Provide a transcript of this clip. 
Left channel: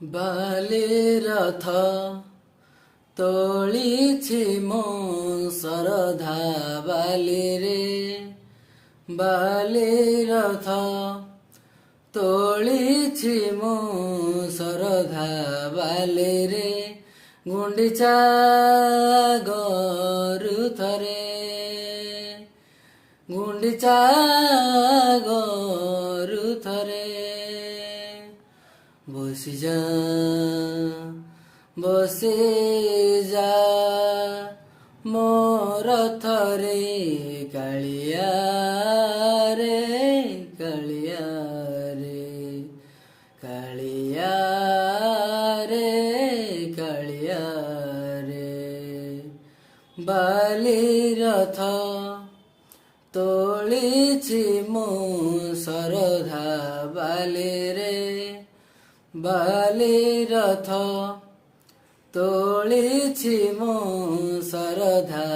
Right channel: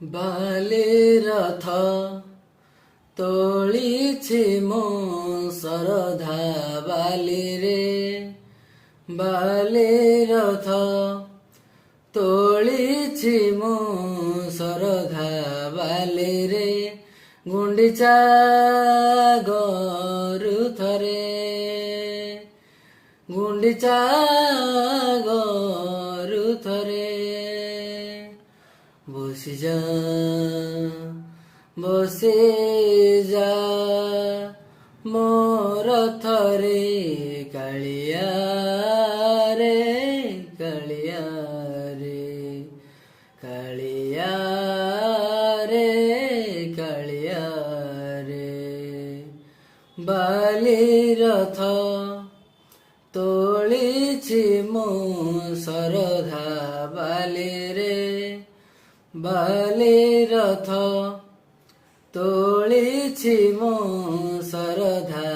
ବାଲି ରଥ ତୋଳିଛି ମୋ ଶରଧା ବାଲିରେ, ବାଲି ରଥ ତୋଳିଛି ମୋ ଶରଧା ବାଲିରେ, ଗୁଣ୍ଡିଚା ଗରୁ ଥରେ, ଗୁଣ୍ଡିଚା ଗରୁ ଥରେ। ବସିଯା ବସିଯା ମୋ ରଥରେ କାଳିଆ ରେ, କାଳିଆ ରେ, କାଳିଆ ରେ, କାଳିଆ ରେ। ବାଲି ରଥ ତୋଳିଛି ମୋ ଶରଧା ବାଲିରେ, ବାଲି ରଥ ତୋଳିଛି ମୋ ଶରଧା